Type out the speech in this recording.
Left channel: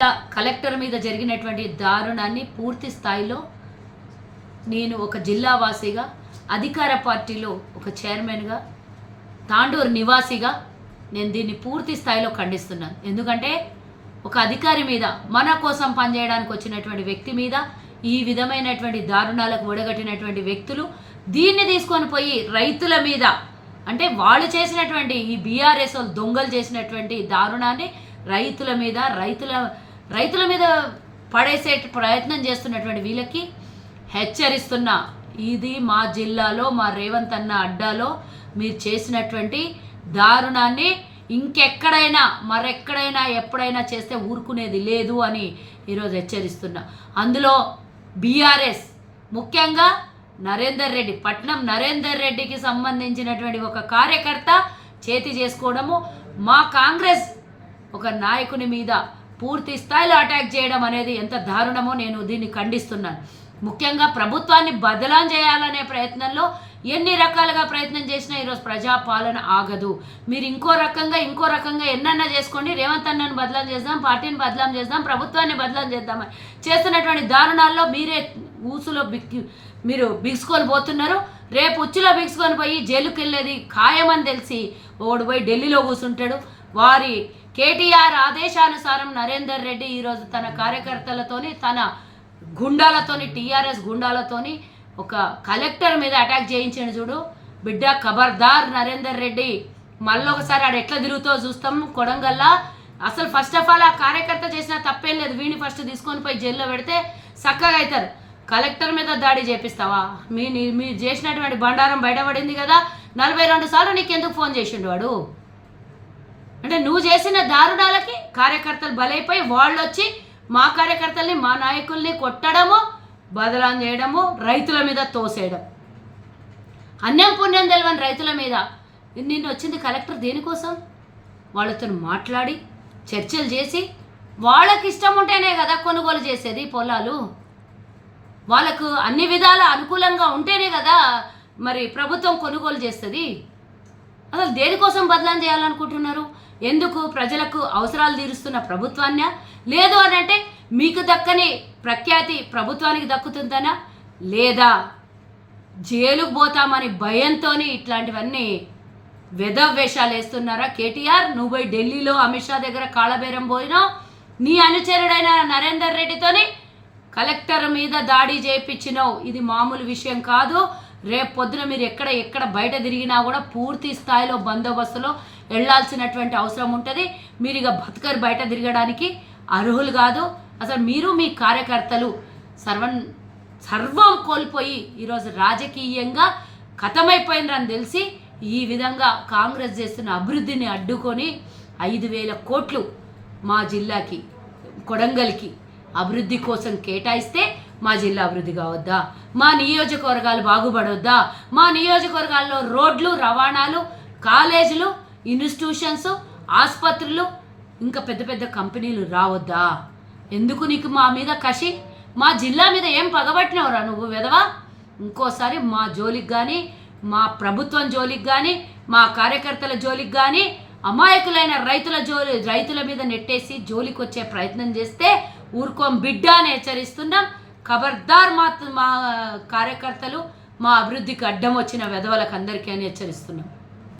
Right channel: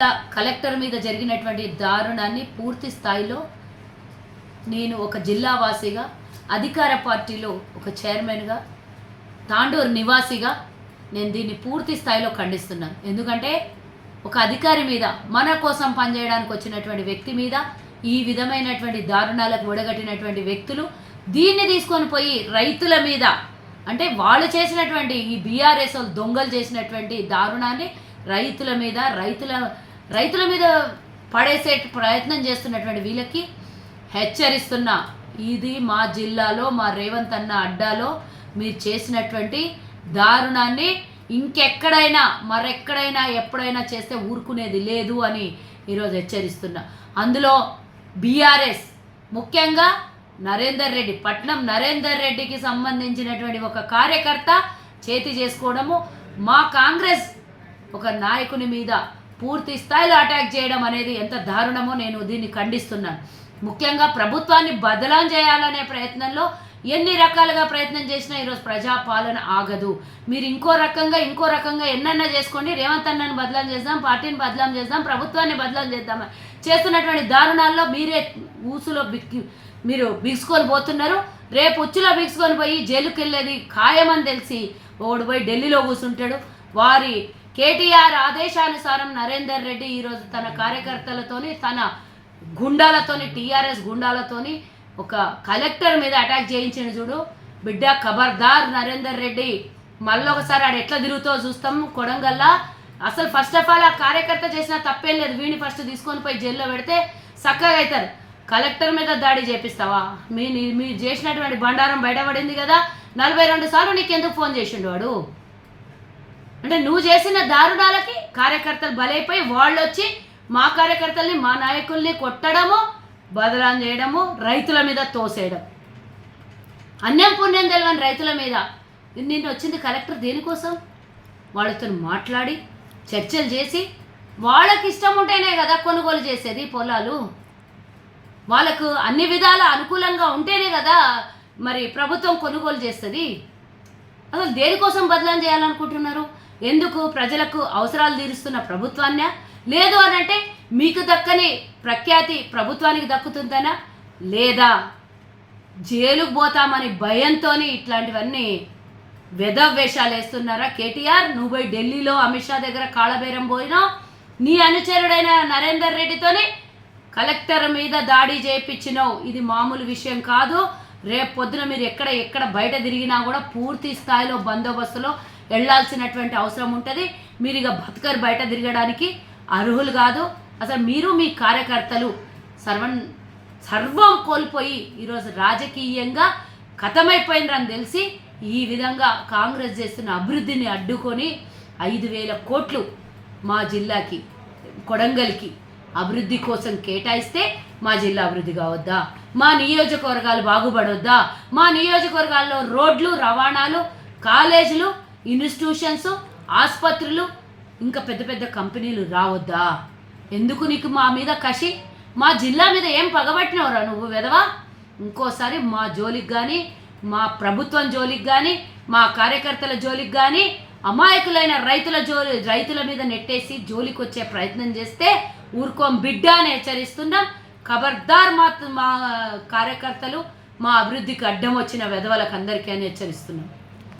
Collector మీద జరిగినటువంటి దారుణాన్ని పూర్తి స్థాయిలో నేను ఒక జిల్లా వాసిగా, అధికార పార్టీలో ఒక చైర్మన్గా, తాండూరు నివాసిగా నేను దీన్ని పూర్తి స్థాయిలో ఖండిస్తున్నాను. ఎందుకంటే ఒక అధికారి మీద, మన కోసం పనిచేయడానికి వచ్చినటువంటి వ్యక్తి మీద ఈ విధమైనటువంటి దారుణాలకు ఒడగట్టినటువంటి వ్యక్తులు దీన్ని తీసుకొని పోయి రైతుల మీద, అంటే వాళ్ళు చేసినటువంటి ఈ బీఆర్ఎస్ దొంగలు చేసినటువంటి దారుణాన్ని రైతుల మీద పడేసే ప్రయత్నం చేస్తున్నటువంటి వీళ్ళకి హెచ్చరిస్తున్నా. ఇది మా జిల్లాలో, మా రేవంత్ అన్న అడ్డాలో మీరు చేసినటువంటి దారుణాన్ని ఇంకెక్కడైనా, మరెక్కడైనా, ఎప్పుడైనా చేస్తే ఊరుకునేది లేదు అని ఈరోజు హెచ్చరిస్తున్నా. అందులో బీఆర్ఎస్ ముఖ్యంగా పట్నం నరేందర్ రెడ్డికి సంబంధించినటువంటి ఒక కార్యకర్త చేతి చేసుకోవడము, మా కాంగ్రెస్ ఒక నాయకుని మీద పూర్తి స్థాయిలో అటాక్ చేయడం అనేది ఎంత దారుణమో నేను దీన్ని ఖండిస్తున్నాను. ముఖ్యంగా ప్రభుత్వాన్ని బదలాం చేయాలనే ప్రయత్నంలో ఎన్ని రకాలుగా ప్రయత్నం చేసినా ఈరోజు ప్రజాపాలన ఆగదు. మీరు ఇంకో రకంగా ఎన్నన్నా చేసుకోండి, రేవంత్ అన్నను బదలాం చేద్దాం, పార్టీని బదలాం చేద్దాం, ప్రభుత్వాన్ని బదలాం చేద్దామని చేస్తున్నటువంటి దారుణాల్లో మీరే ఊసులో మీరు బిగుసుకొని పోతున్నారు. రేపు ఉచ్చులో బిగుసుకొని పోయి జైలుకి వెళ్ళేది ఖాయమని తెలిసి ఓడి పోయి ఢిల్లీలో కూర్చుంటాడు. వారి కేటీఆర్ ఆదేశానుసారం నరేందర్ రెడ్డి ఈరోజు తన కార్యకర్తలతోని, తన గుండాలతోని, టీఆర్ఎస్ గుండాలతోని ఒక కలెక్టర్ మీద అటాక్ చేయించాడు. చూడు బిడ్డ, ఖబర్దార్ నరేందర్ రెడ్డి, మళ్ళొకసారి ఆడు ఎట్లా తిరుగుతో చూస్తాం కొడంగల్లా. అసలు ఫస్ట్ ఆఫ్ ఆల్ ఆ కార్యకర్త చేసిన తప్పేం లేదు, వీడిని ఫస్ట్ తీసుకొని పోయి జైల్లో పెడితే చక్కగా అవుతారు. కలెక్టర్ మీద దాడి చేపిస్తావా? మీరు చేసినటువంటి బండారం బయటపడింది కదా, 42 సార్లు నీకెందుకు ఫోన్ చేసిండు వాడు? అంటే నువ్వు చేసిన దారుణాలకి కార్యకర్తలు బలైపోయి వాళ్ళు వచ్చి మా కార్యకర్తల్ని, మా నాయకుల్ని కొట్టడము, బదలాం చేయడము, రైతుల మీద తోసేయడం, అన్యం పుణ్యం తెలియని రైతుల మీద. నిన్న వచ్చింది కలెక్టర్ దేనికోసం? వాళ్ళతో మాట్లాడి చర్చలు చేసి, వాళ్ళకి ఇష్టం ఉంటేనే కదా కొనుగోలు చేసేది పొలాలు, వాళ్ళకు అన్ని విధాల అనుకూలంగా ఉంటేనే కదా మరి ప్రభుత్వం కొనుగోలు చేస్తుంది. అసలు దేనికోసం బదలాం చేయాలనుకుంటున్నారు? ఎందుకు? ప్రజలకు అవసరాలు తీరుస్తున్న ప్రభుత్వాన్నా, లేదు అని అంటే మీకు దక్కని ప్రఖ్యాతి ప్రభుత్వానికి దక్కుతుందనా, లేదా జైలుకు పోతామని భయంతో ఇట్లాంటివన్నీ వేషాలు వేస్తున్నారా? కేటీఆర్, నువ్వు పోయి ఢిల్లీలో అమిత్ షా దగ్గర కాళ్ళబేరం పోయినావు, నీ అనుచరుడైన నరేందర్ రెడ్డితోని కలెక్టర్ మీద దాడి చేయించినావు. ఇది మామూలు విషయం కాదు. రేపు పొద్దున మీరు ఎక్కడ బయట తిరిగినా కూడా పూర్తి స్థాయిలో బందోబస్తులో వెళ్లాల్సినటువంటి అవసరం ఉంటుంది. మీరు ఇక బతకరు, బయట తిరగడానికి అర్హులు కాదు. అసలు మీరు మీ కార్యకర్తలు సర్వం కోల్పోయి ఈరోజు రాజకీయంగా ఖతమైపోయిందని తెలిసి ఈ విధంగా కాంగ్రెస్ చేస్తున్న అభివృద్ధిని అడ్డుకొని 5,000 కోట్లు మా జిల్లాకి, కొడంగల్కి అభివృద్ధి కోసం కేటాయిస్తే మా జిల్లా అభివృద్ధి కావద్దా? మా నియోజకవర్గాలు బాగుపడొద్దా? మా నియోజకవర్గాల్లో రోడ్లు, రవాణాలు, కాలేజీలు, ఇన్స్టిట్యూషన్స్, ఆసుపత్రులు, ఇంకా పెద్ద పెద్ద కంపెనీలు రావద్దా? ఎందుకు నీకు మా మీద కసి? మా జిల్లా మీద ఏం పగబట్టినవరా నువ్వు వెధవా? ఇంకోసారి మా జోలికి కానీ, మా ప్రభుత్వం జోలికి కానీ, మా కార్యకర్తల జోలికి కానీ, అమాయకులైన రైతుల మీద నెట్టేసి జోలికి వచ్చే ప్రయత్నం చేస్తే ఊరుకోం బిడ్డ అని హెచ్చరిస్తున్నాం. ఖబర్దార్ మా కార్యకర్తలు, మా అభివృద్ధికి అడ్డం వచ్చిన వెధవలకు అందరికీ అని హెచ్చరిస్తున్నాం.